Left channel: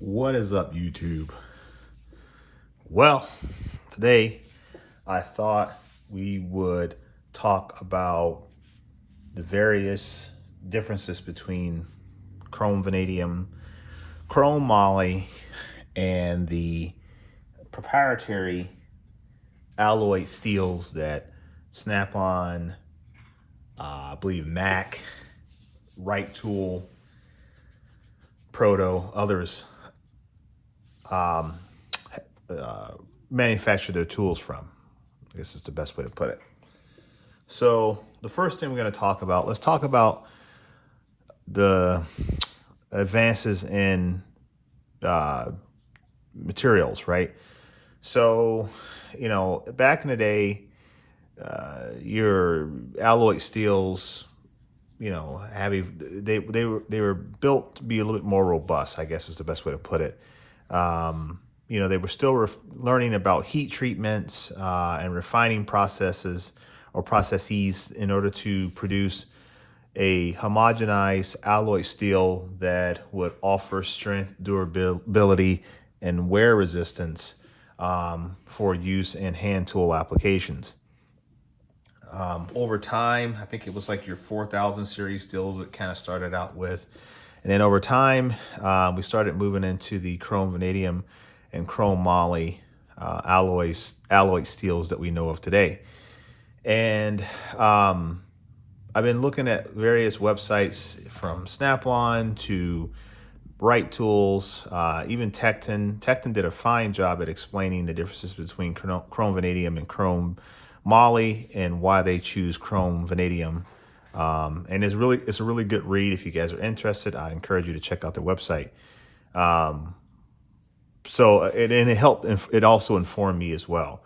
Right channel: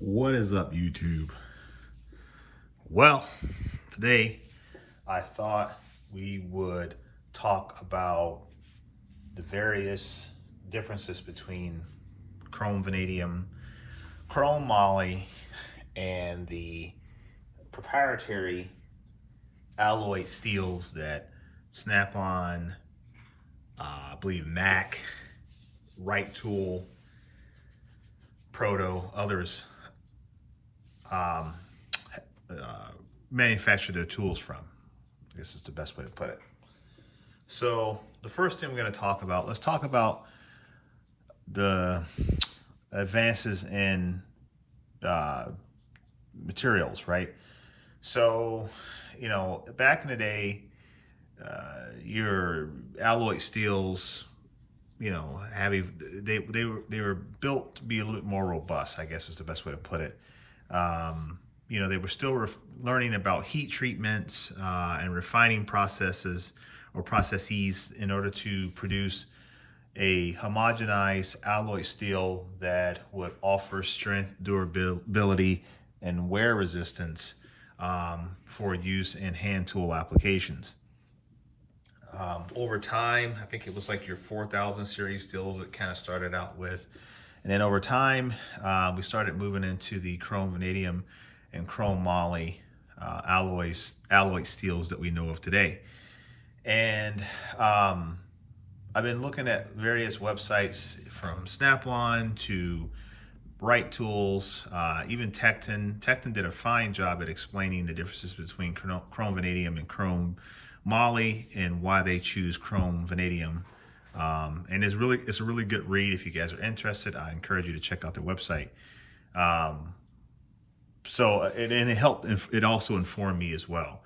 What is up, YouTube? Well, today I thought we would talk about the various differences between chrome vanadium, chrome moly, and the proprietary alloy steels that Snap-on, I believe Mac, Right Tool, Proto, others manufacture their tools from. This is the best way to put it. So the first thing we're going to talk about, let's talk about the advances in materials, right? So, you know, back in the day, your alloy steels, you know, they were built to be a little bit more robust, I guess is the best way to put it. You know, they were still learning about heat treatments and refining processes or processes in order to produce a homogenized alloy steel that would offer strength, durability, and wear resistance for use in hand tool applications. Over time, I think it was like your 4000 series steels it kind of started out with. And then over time, we started moving into the chrome vanadium and chrome moly alloy steels that we know of today. And I've been looking at various websites from Snap-on to Bright Tools, even Tecton. Tecton did a fine job at explaining the differences between chrome vanadium and chrome moly and why they choose chrome vanadium. And it's a really good read. If you guys are interested, I encourage you to check out their website. It also informed me as well.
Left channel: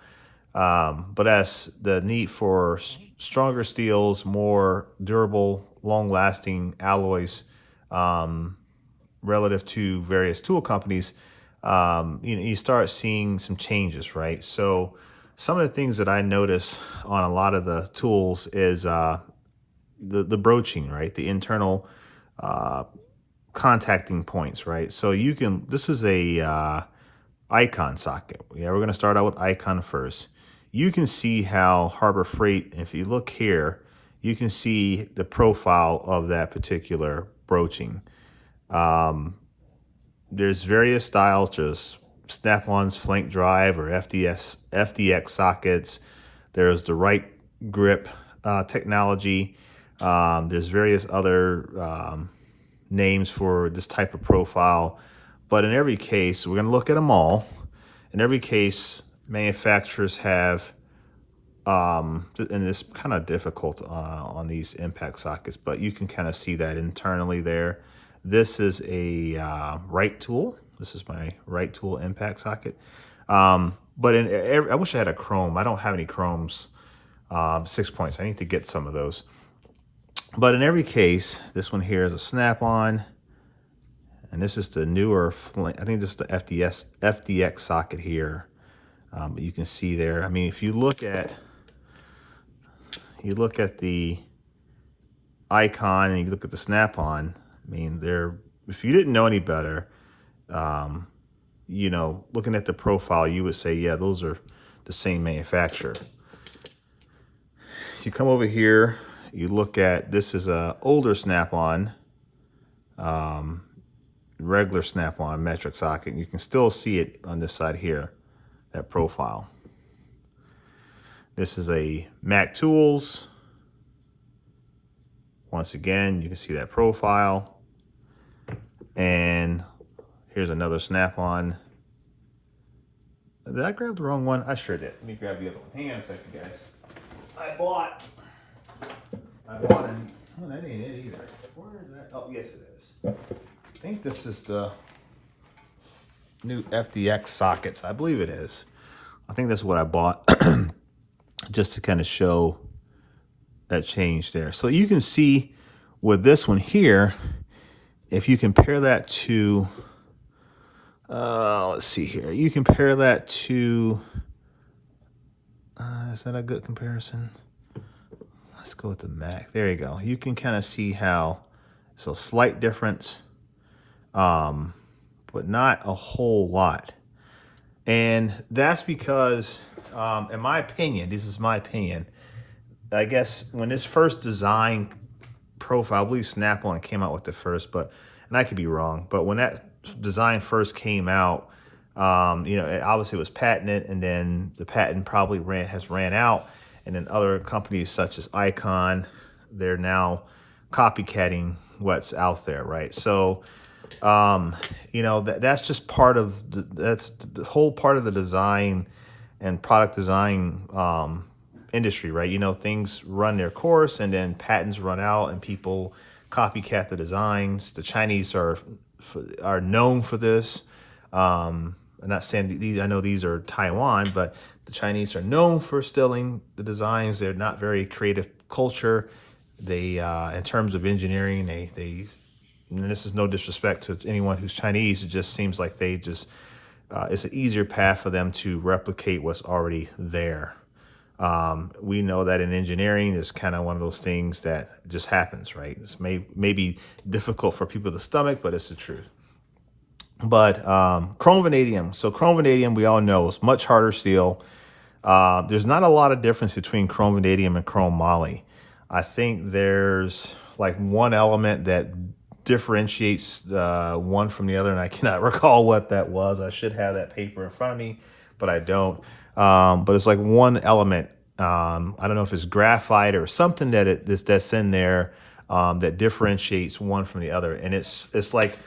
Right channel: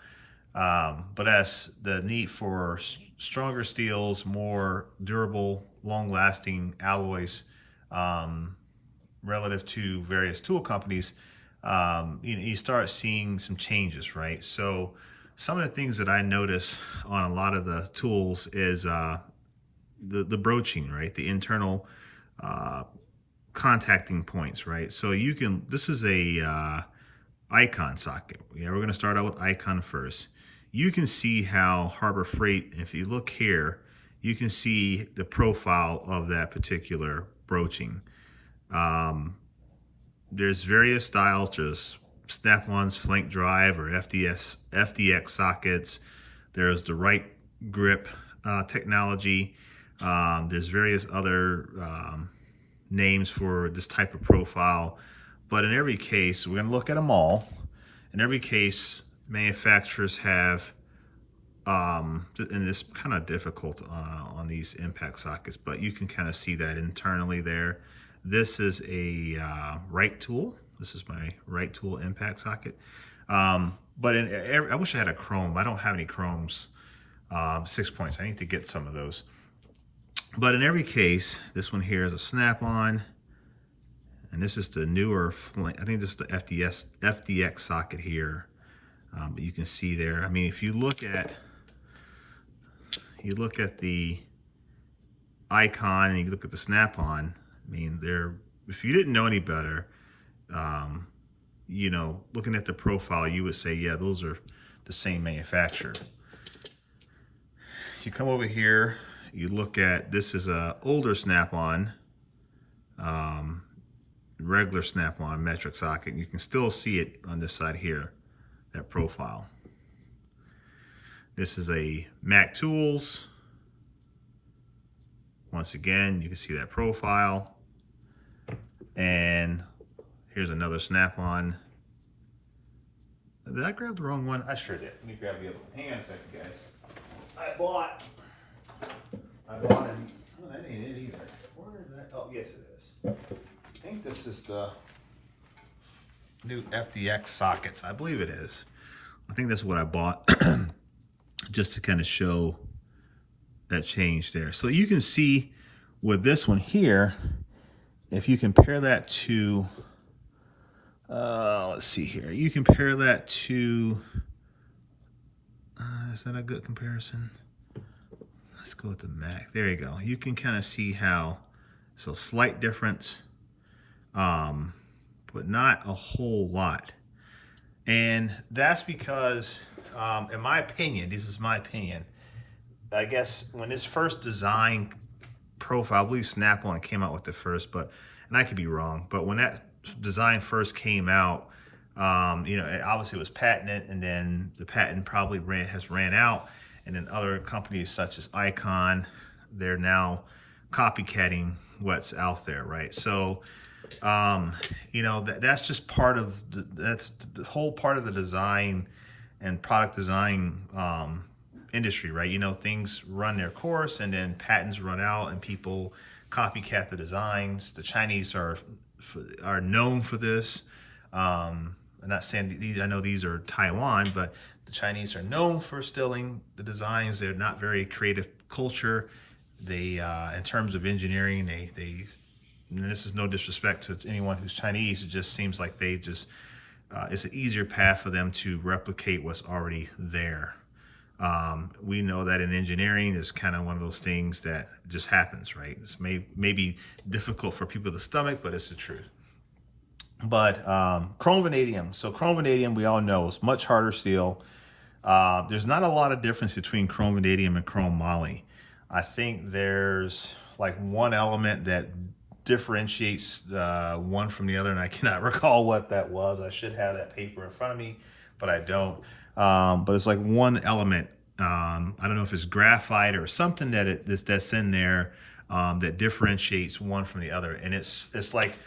But as the need for stronger steels, more durable, long-lasting alloys relative to various tool companies, you start seeing some changes, right? So some of the things that I notice on a lot of the tools is the broaching, right? The internal contacting points, right? So this is a icon socket. Yeah, we're gonna start out with icon first. You can see how Harbor Freight, if you look here, you can see the profile of that particular broaching. There's various styles, just Snap-on's flank drive or FDX sockets. There's the right grip technology. There's various other names for this type of profile. But in every case, we're going to look at them all. In every case, manufacturers have, and it's kind of difficult on these impact sockets, but you can kind of see that internally there. This is a right tool. This is my right tool impact socket. But I wish I had a chrome. I don't have any chromes, 6 points. I need to get some of those. But in every case, this one here is a Snap-on. And this is the newer, I think this is the FDX socket here. But you can see there, I mean, if you look at the icon and you look at the Snap-on, I mean, if you didn't know any better, you know, looking at the profile, you would say, yeah, those are the same manufacturer. You come over here, you look at, this is a older Snap-on, regular Snap-on metric socket. You can still see it on this side here, that profile. This is a Mac Tools. Once again, you can see that profile. And here's another Snap-on. Did I grab the wrong one? I sure did. Let me grab the other one. Hang on a second, guys. I bought an, oh, that ain't it either. Where is that? Oh, yes it is. I think this is the new FDX sockets. I believe it is. I think that's what I bought just to kind of show that change there. So you can see with this one here, if you compare that to, let's see here. You compare that to, is that a good comparison? Let's go with the Mac. There you go. You can kind of see how, so slight difference. but not a whole lot. And that's because, in my opinion, this is my opinion, I guess when this first design profile, I believe Snap-on came out with the first, and I could be wrong, but when that design first came out, you know, obviously it was patented, and then the patent probably has ran out, and then other companies such as Icon, they're now copycatting what's out there, right? So, you know, that's just part of that's the whole part of the design and product design industry, right? You know, things run their course, and then patents run out, and people copycat the designs. The Chinese are known for this. I'm not saying these, I know these are Taiwan, but the Chinese are known for stealing the designs. They're not very creative culture. They, in terms of engineering, and this is no disrespect to anyone who's Chinese, it just seems like they just, it's an easier path for them to replicate what's already there. We know that in engineering, it's kind of one of those things that just happens, right? It's maybe difficult for people to stomach, but it's the truth. But chrome vanadium. So chrome vanadium, we all know, is much harder steel. There's not a lot of difference between chrome vanadium and chrome moly. I think there's like one element that differentiates one from the other, and I cannot recall what that was. I should have that paper in front of me, but I don't. But it's like one element. I don't know if it's graphite or something that's in there that differentiates one from the other, and it's like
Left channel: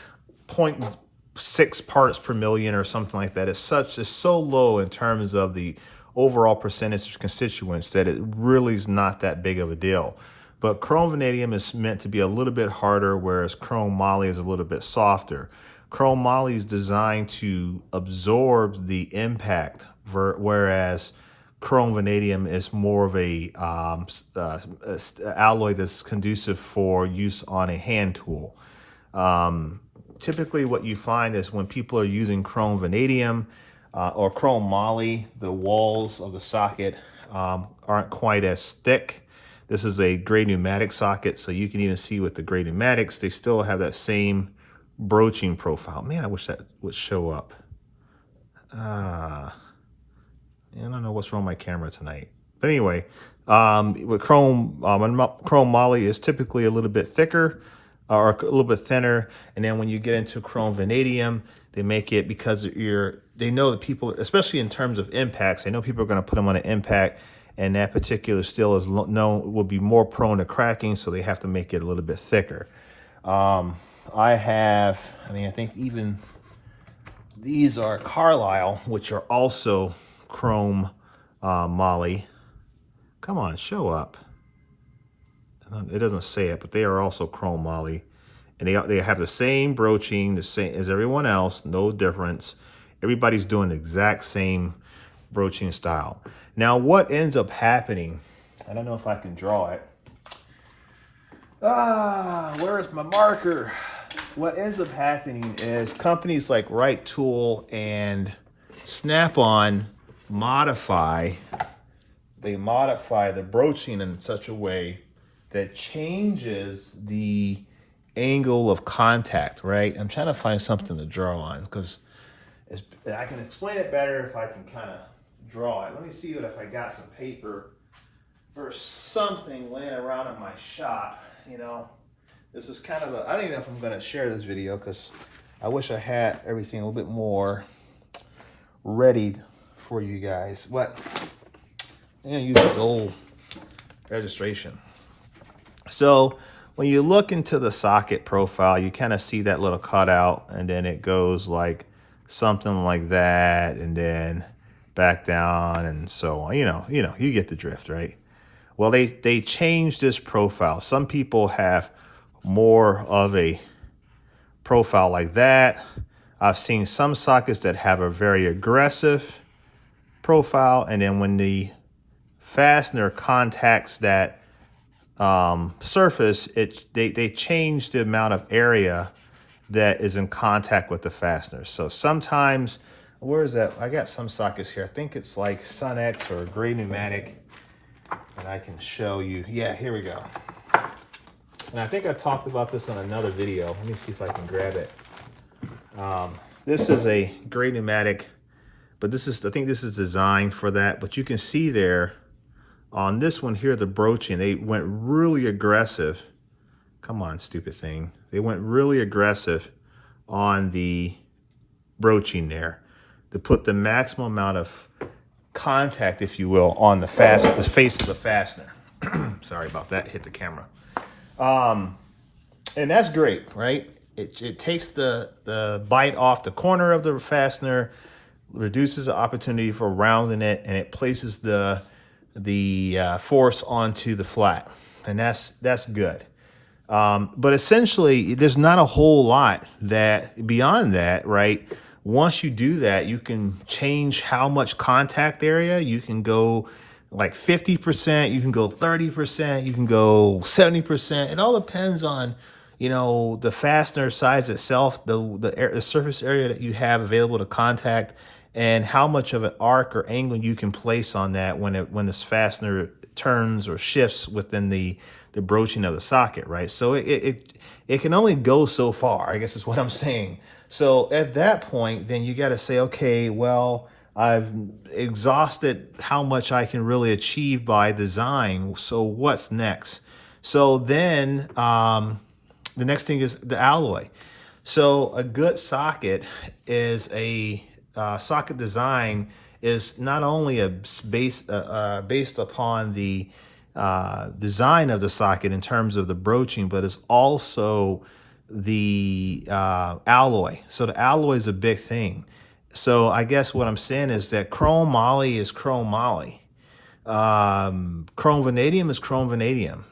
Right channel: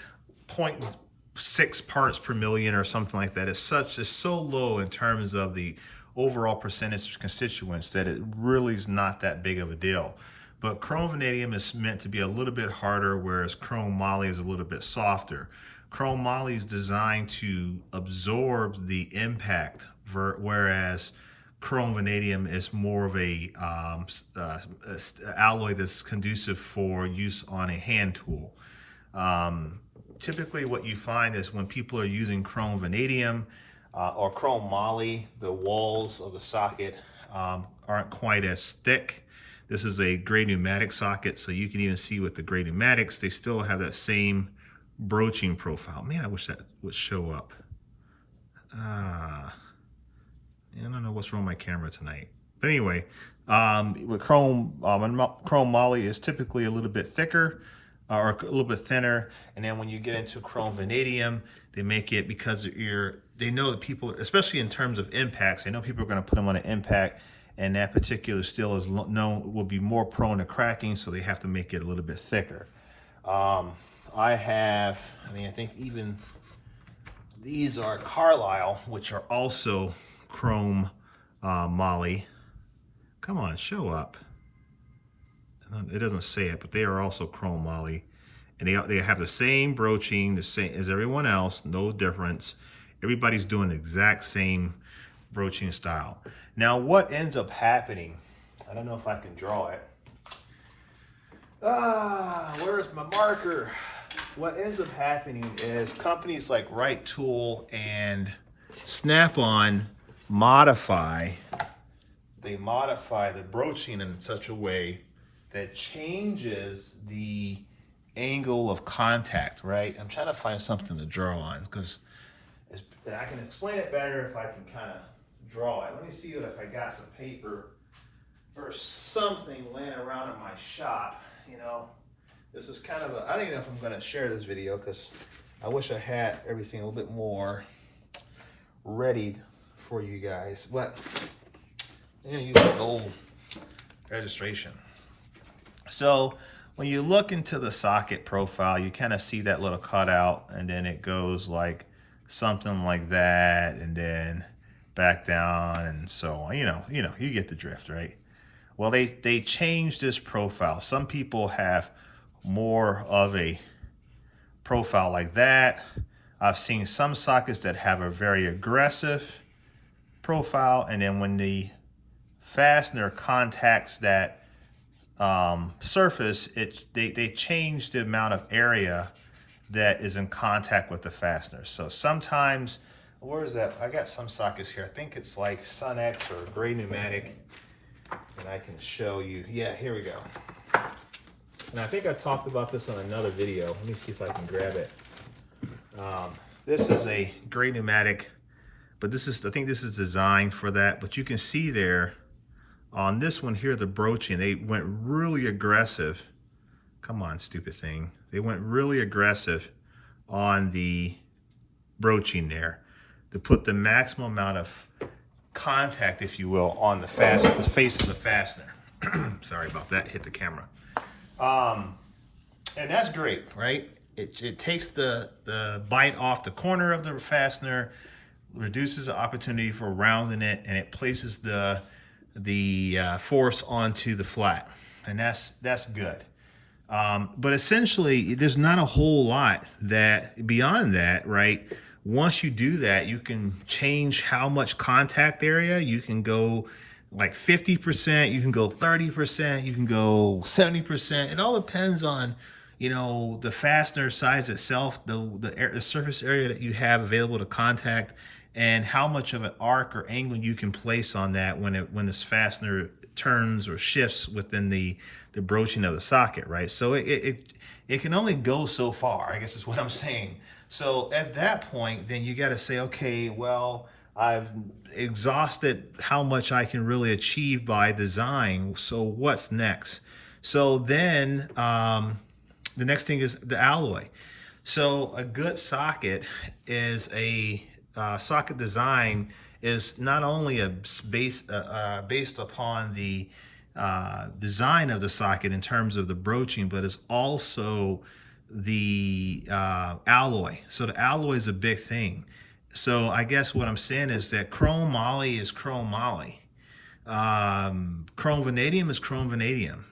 0.6 parts per million or something like that. It's so low in terms of the overall percentage of constituents that it really is not that big of a deal. But chrome vanadium is meant to be a little bit harder, whereas chrome moly is a little bit softer. Chrome moly is designed to absorb the impact, whereas chrome vanadium is more of a alloy that's conducive for use on a hand tool. Typically what you find is when people are using chrome vanadium or chrome moly, the walls of the socket aren't quite as thick. This is a gray pneumatic socket, so you can even see with the gray pneumatics, they still have that same broaching profile. Man, I wish that would show up. I don't know what's wrong with my camera tonight. But anyway, with chrome moly is typically a little bit thicker or a little bit thinner. And then when you get into chrome vanadium, they make it because they know that people, especially in terms of impacts, they know people are going to put them on an impact, and that particular steel is will be more prone to cracking, so they have to make it a little bit thicker. I think even these are Carlisle, which are also chrome moly. Come on, show up. It doesn't say it, but they are also chrome moly, and they have the same broaching, the same as everyone else, no difference. Everybody's doing the exact same broaching style. Now, what ends up happening, I don't know if I can draw it. Where's my marker? What ends up happening is companies like Right Tool and Snap-on modify the broaching in such a way that changes the angle of contact, right? I'm trying to find something to draw on because I can explain it better if I can kind of draw it. Let me see if I got some paper or something laying around in my shop. You know, this is kind of I don't even know if I'm going to share this video because I wish I had everything a little bit more ready for you guys. But I'm going to use this old registration. So when you look into the socket profile, you kind of see that little cutout, and then it goes like something like that, and then back down, and so on. You get the drift, right? Well, they changed this profile. Some people have more of a profile like that. I've seen some sockets that have a very aggressive profile, and then when the fastener contacts that surface, they change the amount of area that is in contact with the fastener. So sometimes, where is that? I got some sockets here. I think it's like Sun X or Gray Pneumatic, and I can show you. Yeah, here we go. And I think I talked about this on another video. Let me see if I can grab it. This is a gray pneumatic, but I think this is designed for that. But you can see there on this one here, the broaching, they went really aggressive. Come on, stupid thing. They went really aggressive on the broaching there to put the maximum amount of contact, if you will, on the face of the fastener. Sorry about that, hit the camera. And that's great, right? It takes the bite off the corner of the fastener, reduces the opportunity for rounding it, and it places the force onto the flat, and that's good. But essentially, there's not a whole lot that beyond that, right? Once you do that, you can change how much contact area. You can go like 50%, you can go 30%, you can go 70%. It all depends on, you know, the fastener size itself, the surface area that you have available to contact, and how much of an arc or angle you can place on that when this fastener turns or shifts within the broaching of the socket, right? So it can only go so far, I guess is what I'm saying. So at that point, then you got to say, okay, well, I've exhausted how much I can really achieve by design. So what's next? So then the next thing is the alloy. So a good socket is socket design is not only based upon the design of the socket in terms of the broaching, but it's also the alloy. So the alloy is a big thing. So I guess what I'm saying is that chrome moly is chrome moly. Chrome vanadium is chrome vanadium.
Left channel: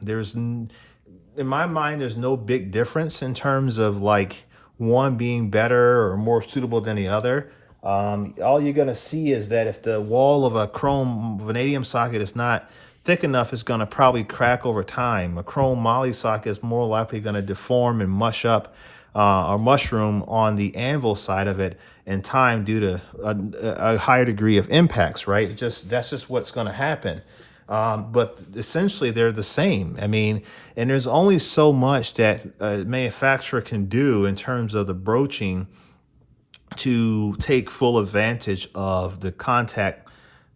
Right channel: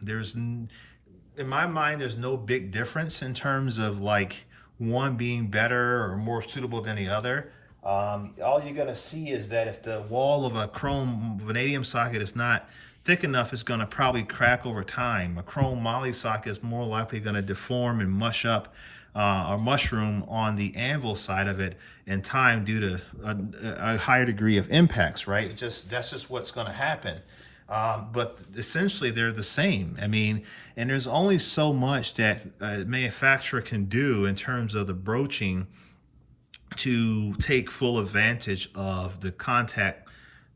In my mind, there's no big difference in terms of like one being better or more suitable than the other. All you're gonna see is that if the wall of a chrome vanadium socket is not thick enough, it's gonna probably crack over time. A chrome moly socket is more likely gonna deform and mush up or mushroom on the anvil side of it in time due to a higher degree of impacts, right? That's just what's gonna happen. But essentially they're the same. I mean, and there's only so much that a manufacturer can do in terms of the broaching to take full advantage of the contact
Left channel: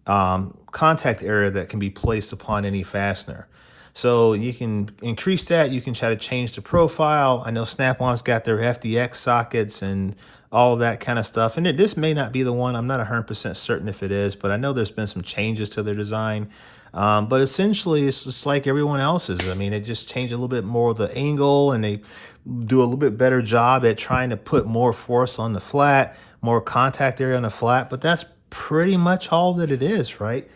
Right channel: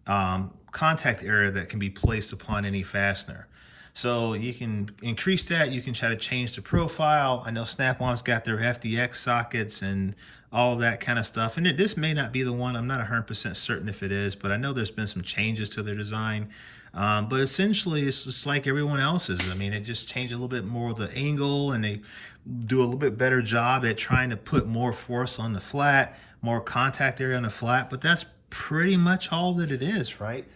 area that can be placed upon any fastener. So you can increase that. You can try to change the profile. I know Snap-on's got their FDX sockets and all of that kind of stuff. And this may not be the one. I'm not 100% certain if it is, but I know there's been some changes to their design. But essentially, it's just like everyone else's. I mean, it just changed a little bit more of the angle, and they do a little bit better job at trying to put more force on the flat, more contact area on the flat. But that's pretty much all that it is, right?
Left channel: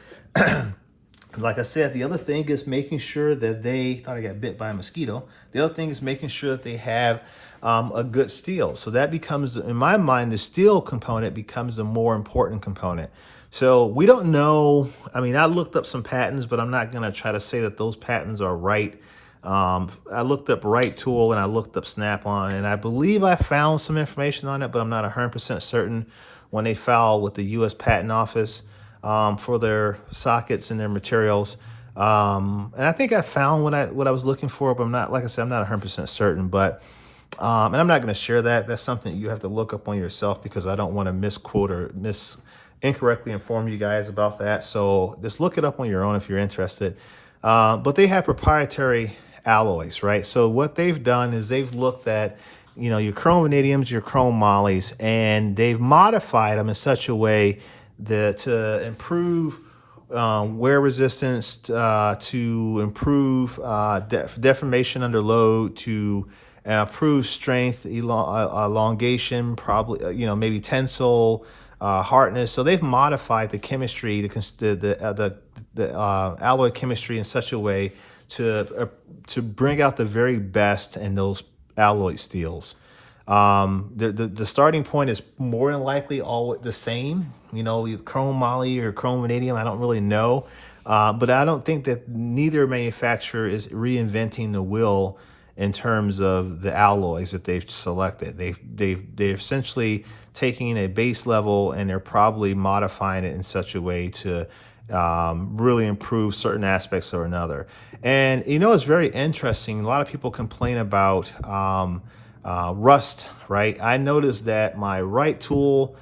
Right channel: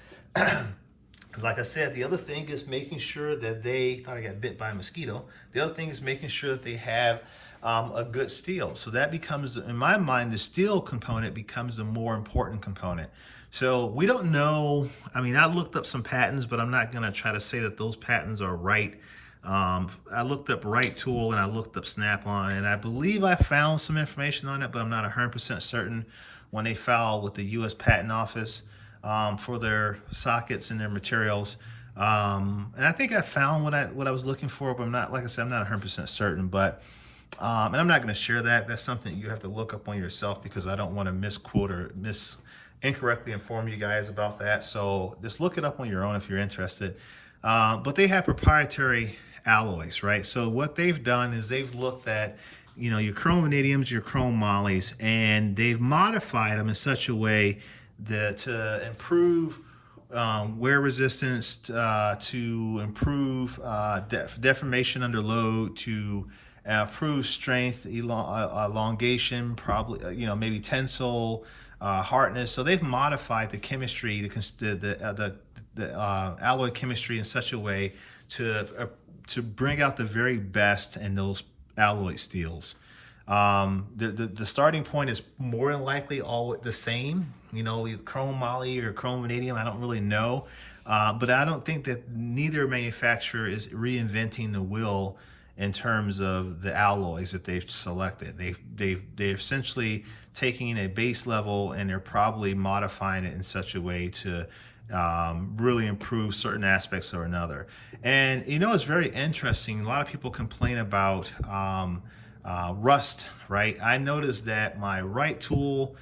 Like I said, the other thing is making sure that thought I got bit by a mosquito. The other thing is making sure that they have a good steel. So that becomes, in my mind, the steel component becomes the more important component. So we don't know. I mean, I looked up some patents, but I'm not going to try to say that those patents are right. I looked up Right Tool and I looked up Snap-on, and I believe I found some information on it, but I'm not 100% certain when they filed with the U.S. Patent Office for their sockets and their materials. And I think I found what I was looking for, but I'm not, like I said, I'm not 100% certain. But and I'm not going to share that. That's something you have to look up on yourself, because I don't want to misquote or incorrectly inform you guys about that. So just look it up on your own if you're interested. But they have proprietary alloys, right? So what they've done is they've looked at, you know, your chrome vanadiums, your chrome mollies, and they've modified them in such a way that to improve wear resistance, to improve deformation under load, to improve strength, elongation, probably, you know, maybe tensile, hardness. So they've modified the chemistry, the alloy chemistry in such a way to bring out the very best in those alloy steels. The starting point is more than likely all the same, you know, chrome moly or chrome vanadium. I don't really know, but I don't think that neither manufacturer is reinventing the wheel in terms of the alloys that they've selected. They're essentially taking a base level and they're probably modifying it in such a way to really improve certain aspects or another. And you know, it's very interesting. A lot of people complain about rust, right? I noticed that my right tool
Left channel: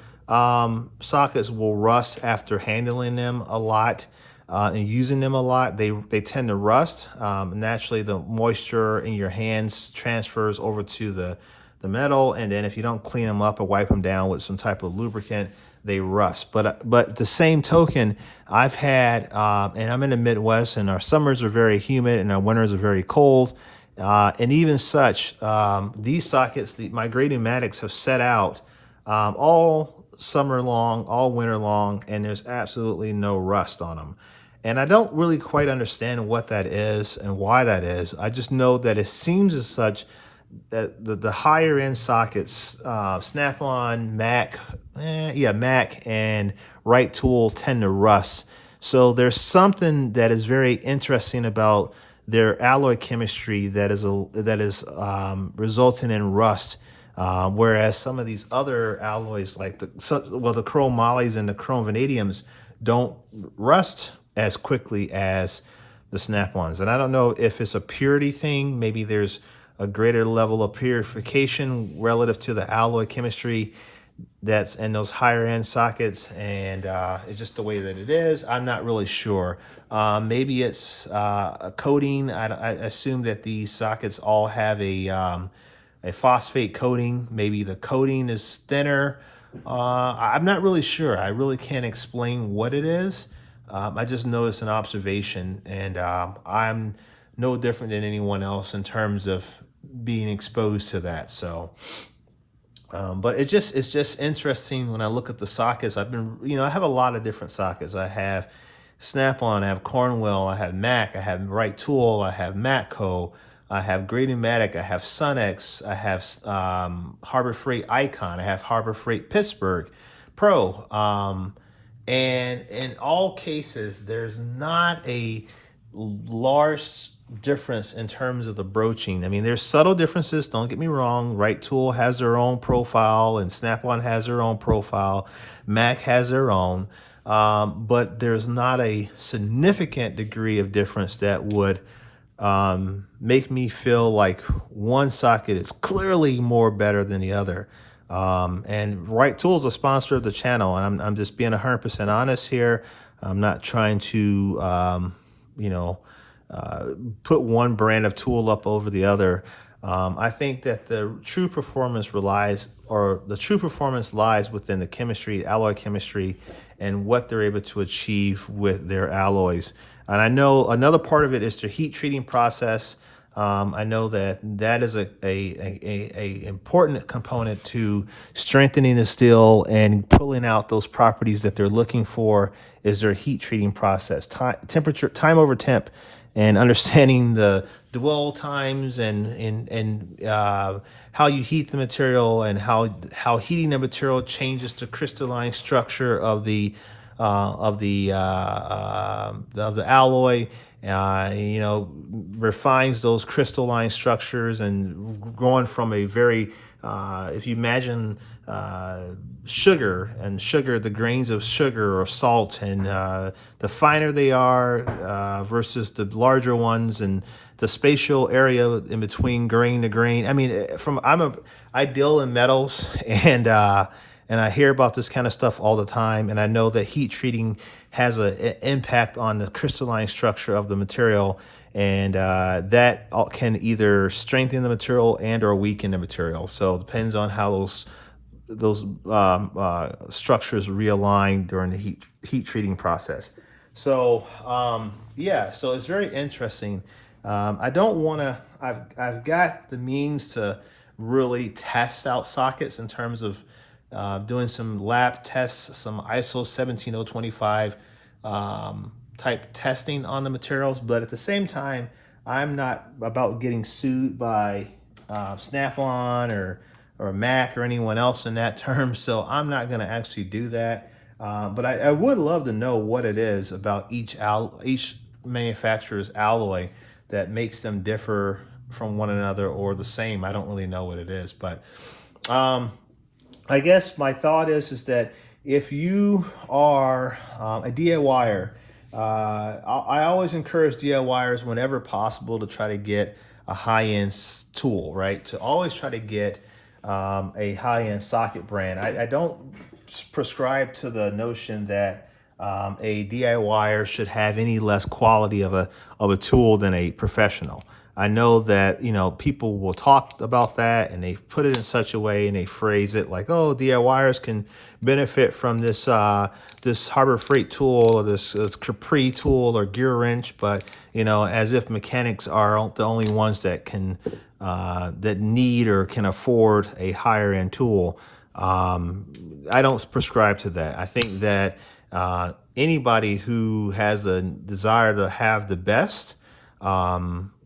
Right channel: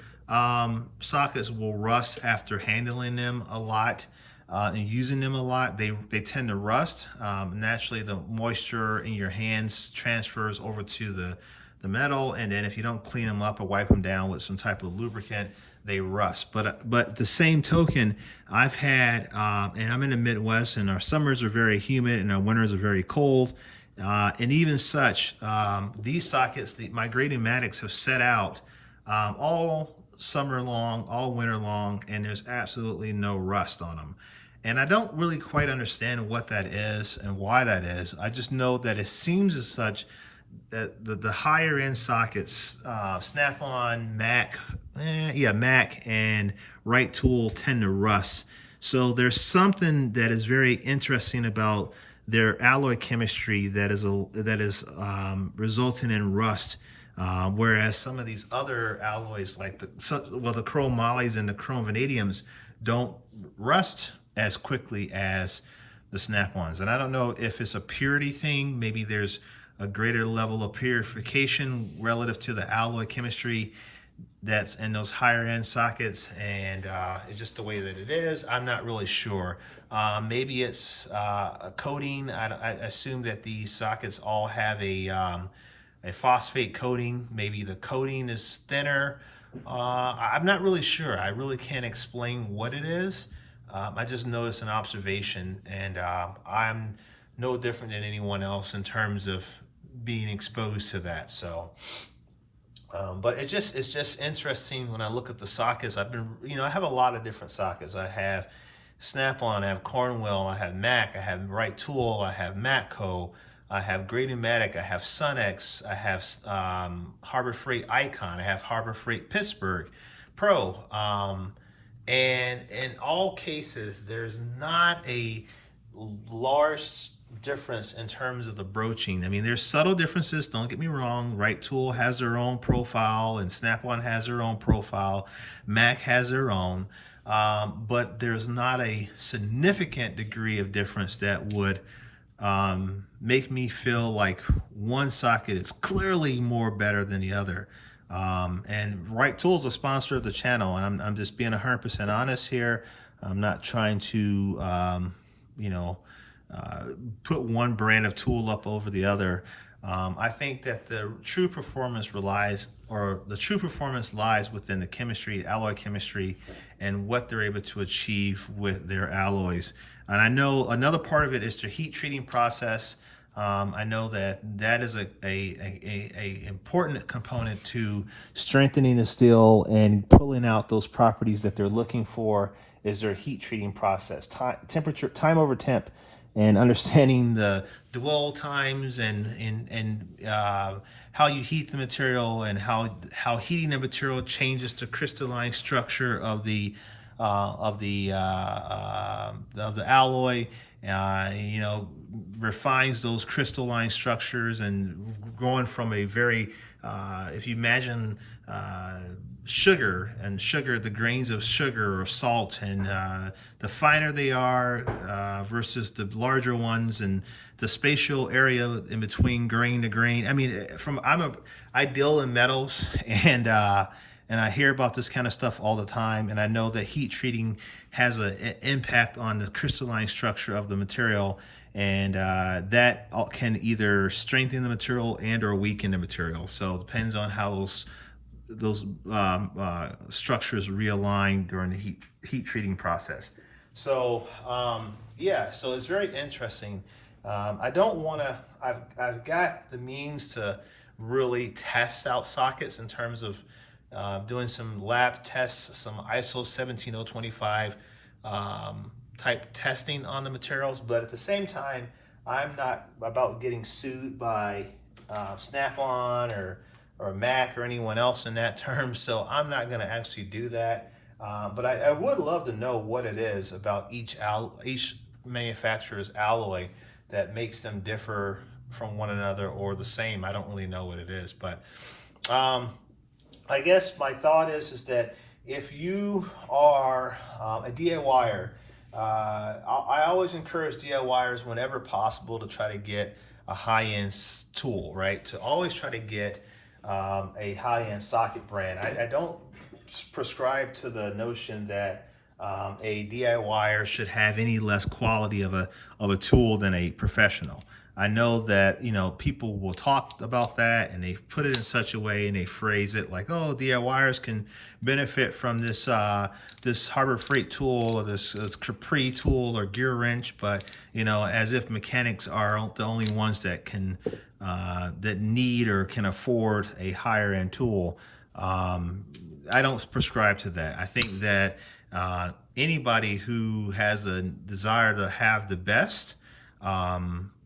sockets will rust after handling them a lot and using them a lot. They tend to rust. Naturally, the moisture in your hands transfers over to the metal, and then if you don't clean them up or wipe them down with some type of lubricant, they rust. But the same token, I've had, and I'm in the Midwest, and our summers are very humid and our winters are very cold. And even such, these sockets, my grading matics have set out all summer long, all winter long, and there's absolutely no rust on them. And I don't really quite understand what that is and why that is. I just know that it seems as such that the higher end sockets, Snap-on, Mac, Mac and Right Tool tend to rust. So there's something that is very interesting about their alloy chemistry that is resulting in rust. Whereas some of these other alloys, like the chrome mollies and the chrome vanadiums, don't rust as quickly as the Snap-ons. And I don't know if it's a purity thing. Maybe there's a greater level of purification relative to the alloy chemistry that's in those higher end sockets, and it's just the way that it is. I'm not really sure. Maybe it's a coating. I assume that these sockets all have a phosphate coating. Maybe the coating is thinner. I'm not really sure. I really can't explain what it is. I just know it's an observation, and I'm no different than anyone else in terms of being exposed to that. So, but it's just interesting when I look at the sockets. I have a lot of different sockets. I have Snap-on, I have Cornwell, I have Mac, I have Right Tool, I have Matco, I have Grady-Matic, I have Sunex, I have Harbor Freight Icon, I have Harbor Freight Pittsburgh Pro. And in all cases, there's not a large difference in terms of the broaching. I mean, there's subtle differences, don't get me wrong. Right Tool has their own profile, and Snap-on has their own profile. Mac has their own. But there's not a significant degree of difference that would make me feel like one socket is clearly more better than the other. And Right Tool is a sponsor of the channel, and I'm just being 100% honest here. I'm not trying to, put one brand of tool up over the other. I think that the true performance lies within the chemistry, alloy chemistry, and what they're able to achieve with their alloys. And I know another part of it is their heat treating process. I know that is a important component to strengthening the steel and pulling out those properties that they're looking for, is their heat treating process, time over temp, and understanding the dwell times and how you heat the material, and how heating the material changes the crystalline structure of the alloy. Refines those crystalline structures, and going from a very, if you imagine sugar, the grains of sugar or salt, and the finer they are versus the larger ones, and the spatial area in between grain to grain. I mean, I deal in metals, and I hear about this kind of stuff all the time, and I know that heat treating has an impact on the crystalline structure of the material, and that can either strengthen the material and or weaken the material. So it depends on how those structures realign during the heat treating process. So so it's very interesting. I don't want to. I've got the means to really test out sockets in terms of doing some lab tests, some ISO 17025 type testing on the materials. But at the same time, I'm not about getting sued by Snap-on or Mac or anyone else in that term, so I'm not going to actually do that. But I would love to know what it is about each manufacturer's alloy that makes them differ from one another or the same. I don't really know what it is, but I guess my thought is that if you are a DIYer, I always encourage DIYers whenever possible to try to get a high-end tool, right? To always try to get a high-end socket brand. I don't prescribe to the notion that a DIYer should have any less quality of a tool than a professional. I know that, you know, people will talk about that and they put it in such a way and they phrase it like, oh, DIYers can benefit from this this Harbor Freight tool or this CrV tool or gear wrench, but you know, as if mechanics are the only ones that can that need or can afford a higher end tool. I don't prescribe to that. I think that anybody who has a desire to have the best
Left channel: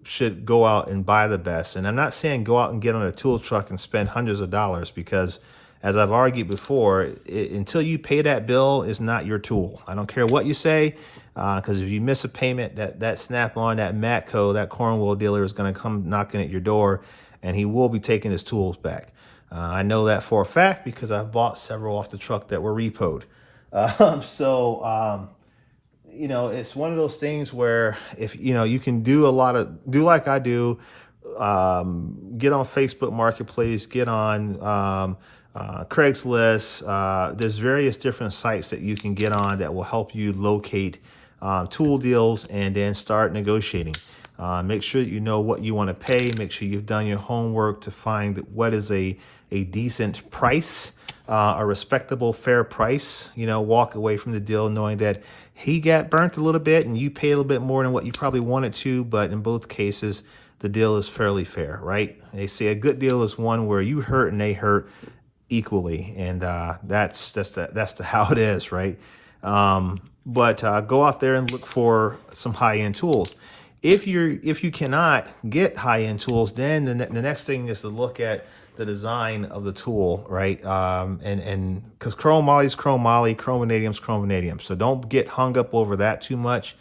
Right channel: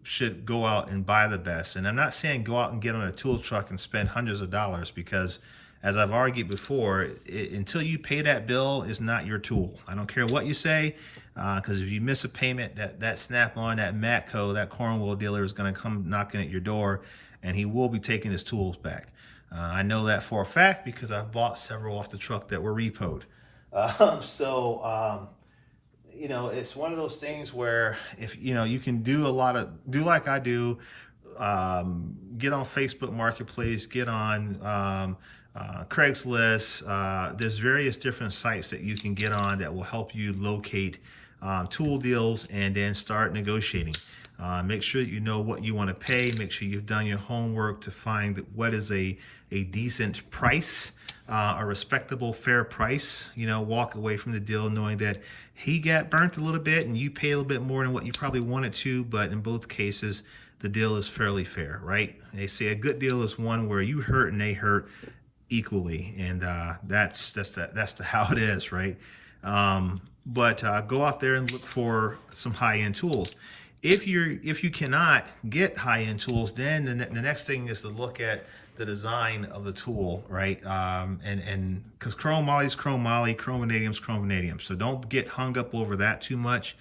should go out and buy the best. And I'm not saying go out and get on a tool truck and spend hundreds of dollars, because as I've argued before, until you pay that bill, is not your tool. I don't care what you say, because if you miss a payment, that Snap-on, that Matco, that Cornwall dealer is going to come knocking at your door, and he will be taking his tools back. I know that for a fact because I've bought several off the truck that were repoed. You know, it's one of those things where if, you know, you can do like I do, get on Facebook Marketplace, get on Craigslist. There's various different sites that you can get on that will help you locate tool deals and then start negotiating. Make sure you know what you want to pay. Make sure you've done your homework to find what is a decent price, a respectable, fair price. You know, walk away from the deal knowing that he got burnt a little bit and you pay a little bit more than what you probably wanted to, but in both cases, the deal is fairly fair, right? They say a good deal is one where you hurt and they hurt equally, and that's how it is, right? But go out there and look for some high-end tools. If you cannot get high-end tools, then the next thing is to look at the design of the tool, right? And because chrome moly's chrome moly, chrome vanadium's chrome vanadium, so don't get hung up over that too much,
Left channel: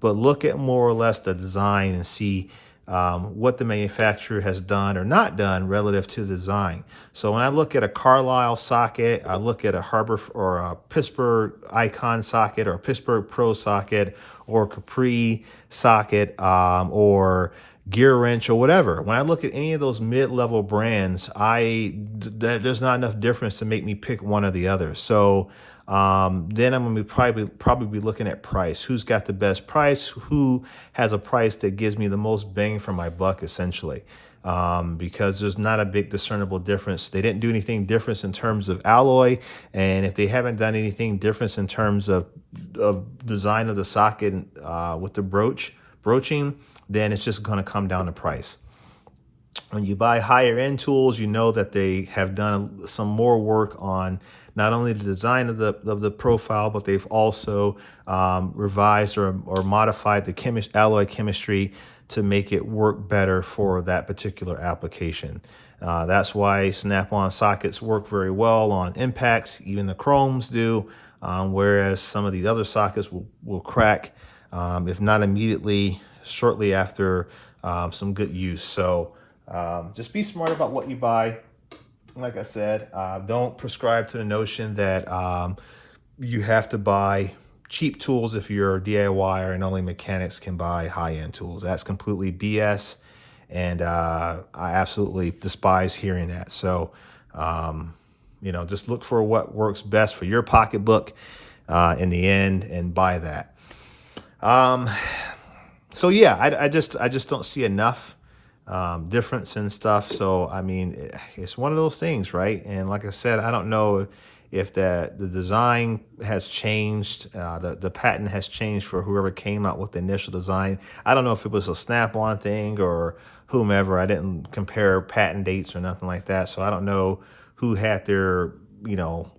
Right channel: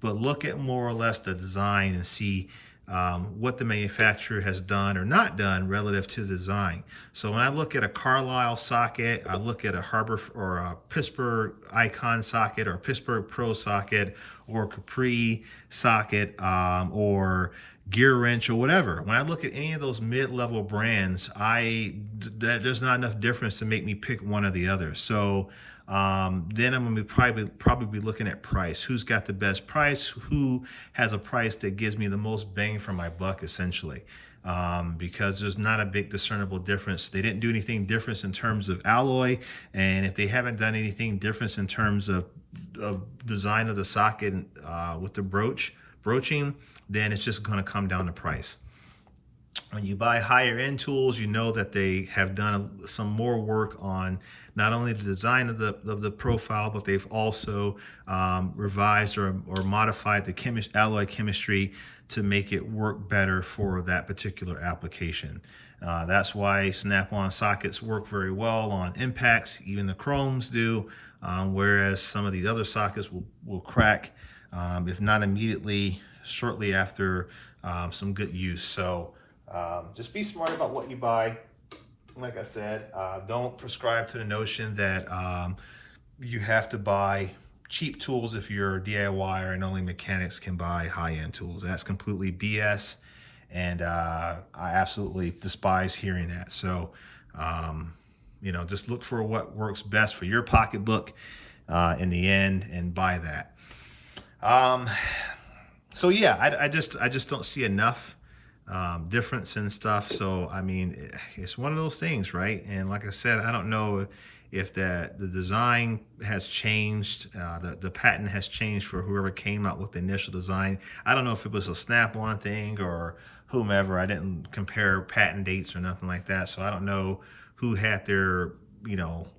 but look at more or less the design and see what the manufacturer has done or not done relative to the design. So when I look at a Carlisle socket, I look at a Harbor or a Pittsburgh Icon socket or a Pittsburgh Pro socket or a Capri socket or gear wrench or whatever. When I look at any of those mid-level brands, there's not enough difference to make me pick one or the other. So then I'm going to probably be looking at price. Who's got the best price? Who has a price that gives me the most bang for my buck, essentially? Because there's not a big discernible difference. They didn't do anything different in terms of alloy, and if they haven't done anything different in terms of design of the socket with the broaching, then it's just going to come down to price. When you buy higher end tools, you know that they have done some more work on not only the design of the profile, but they've also revised or modified the alloy chemistry to make it work better for that particular application. That's why Snap-on sockets work very well on impacts, even the chromes do, whereas some of these other sockets will crack, if not immediately, shortly after some good use. So just be smart about what you buy. Like I said, don't prescribe to the notion that you have to buy cheap tools if you're a DIYer and only mechanics can buy high-end tools. That's completely BS, and I absolutely despise hearing that. So, you know, just look for what works best for your pocketbook in the end and buy that. So yeah, I just don't see enough difference in stuff. So I mean, it's one of those things, right? And like I said, I don't know if the design has changed, the patent has changed for whoever came out with the initial design. I don't know if it was a Snap-on thing or whomever. I didn't compare patent dates or nothing like that, so I don't know who had their, you know,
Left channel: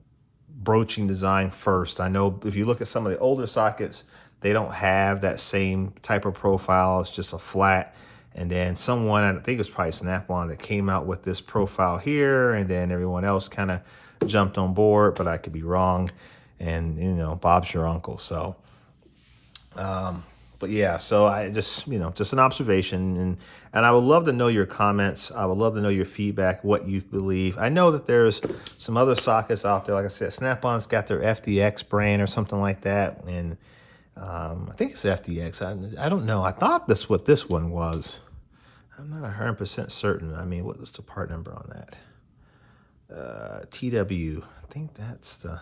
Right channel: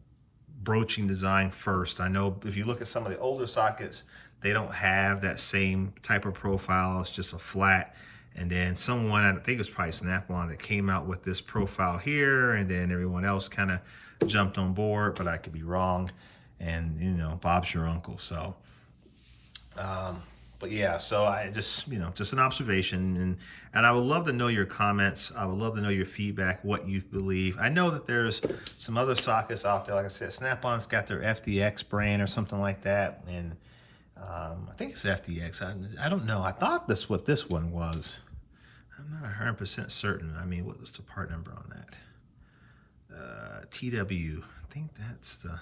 broaching design first. I know if you look at some of the older sockets, they don't have that same type of profile. It's just a flat. And then someone, I think it was probably Snap-on, that came out with this profile here, and then everyone else kind of jumped on board, but I could be wrong. And, you know, Bob's your uncle. So, but yeah, so I just, you know, just an observation. And I would love to know your comments. I would love to know your feedback, what you believe. I know that there's some other sockets out there. Like I said, Snap-on's got their FDX brand or something like that. And I think it's FDX. I don't know. I thought that's what this one was. I'm not 100% certain. I mean, what was the part number on that? TW. I think that's the,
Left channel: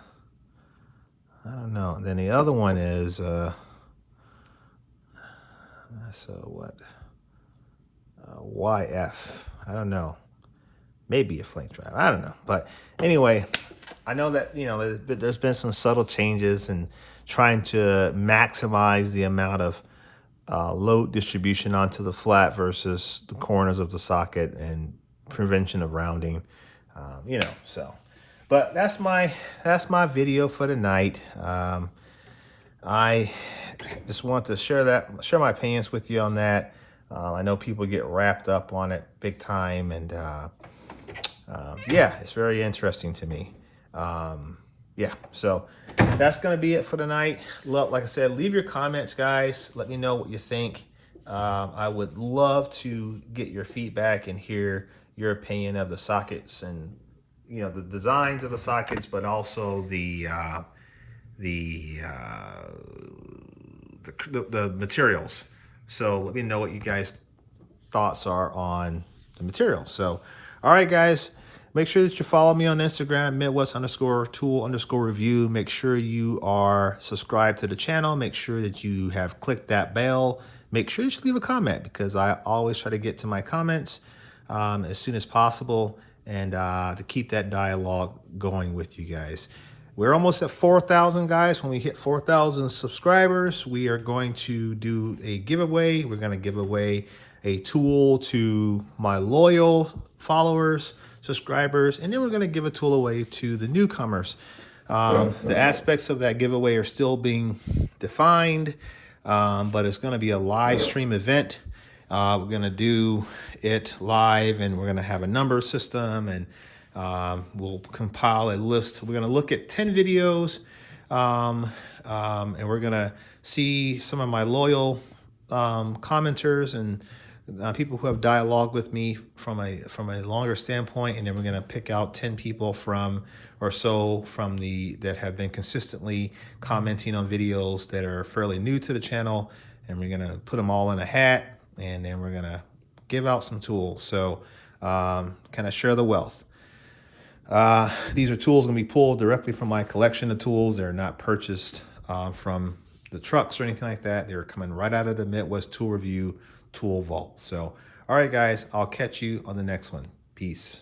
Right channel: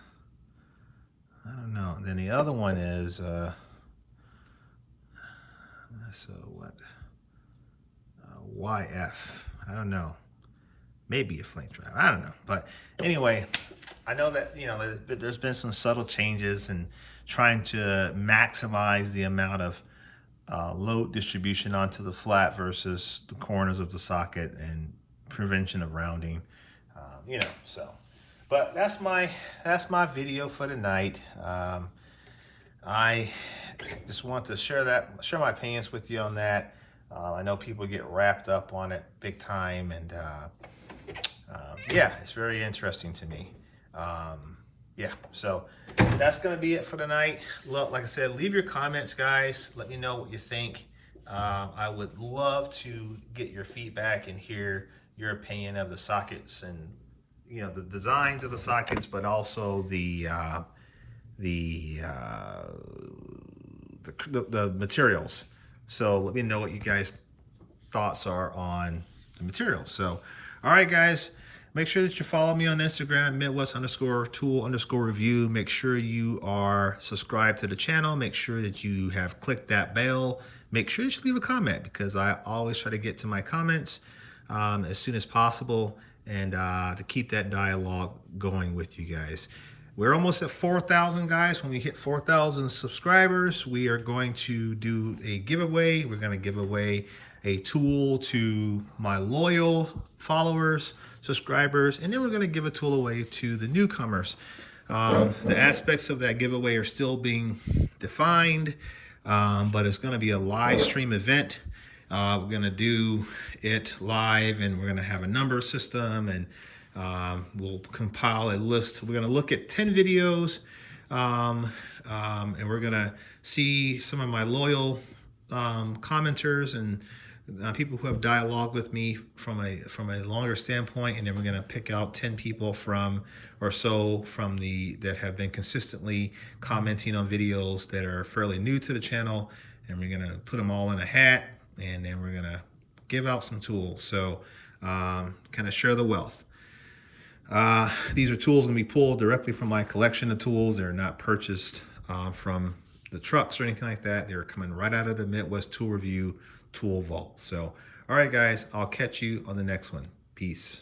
I don't know. Then the other one is, that's what? YF. I don't know. Maybe a flank drive. I don't know. But anyway, I know that, you know, there's been some subtle changes in trying to maximize the amount of load distribution onto the flat versus the corners of the socket and prevention of rounding. You know, so. But that's my video for tonight. I just want to share my opinions with you on that. I know people get wrapped up on it big time, and yeah, it's very interesting to me. Yeah, so that's gonna be it for tonight. Like I said, leave your comments, guys. Let me know what you think. I would love to get your feedback and hear your opinion of the sockets and, you know, the designs of the sockets, but also the materials. So let me know what you guys' thoughts are on the materials. So, all right, guys, make sure that you follow me on Instagram, Midwest_tool_review. Make sure you are subscribed to the channel. Make sure that you have clicked that bell. Make sure you leave a comment, because I always try to get to my comments as soon as possible, and to keep that dialogue going with you guys. We're almost at 4,000, guys. When we hit 4,000 subscribers, we are going to do a giveaway. We're going to give away a tool to my loyal followers, subscribers, and then we're going to give a tool away to the newcomers. The aspects of that giveaway are still being defined, but it's going to be a live stream event. We're going to do it live, and we're going to have a number system, and we'll compile a list. We're going to look at 10 videos, and we're going to see some of my loyal commenters and people who have dialogue with me from a longer standpoint, and then we're going to pick out 10 people that have been consistently commenting on videos that are fairly new to the channel, and we're going to put them all in a hat, and then we're going to give out some tools. So kind of share the wealth. These are tools going to be pulled directly from my collection of tools. They're not purchased from the trucks or anything like that. They're coming right out of the Midwest Tool Review Tool Vault. So, all right, guys, I'll catch you on the next one. Peace.